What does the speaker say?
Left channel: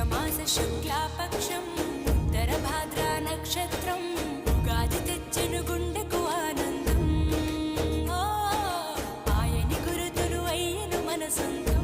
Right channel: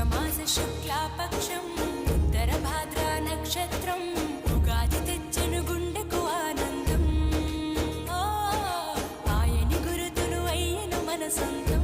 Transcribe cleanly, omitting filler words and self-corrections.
చైత్రమాస శుక్లాపక్షం ఉత్తర భాద్ర నక్షత్రం ఉగాది తెచ్చెను గుండెకు ఆనందం ఆయని గురుతులు అయ్యను మన సొంతం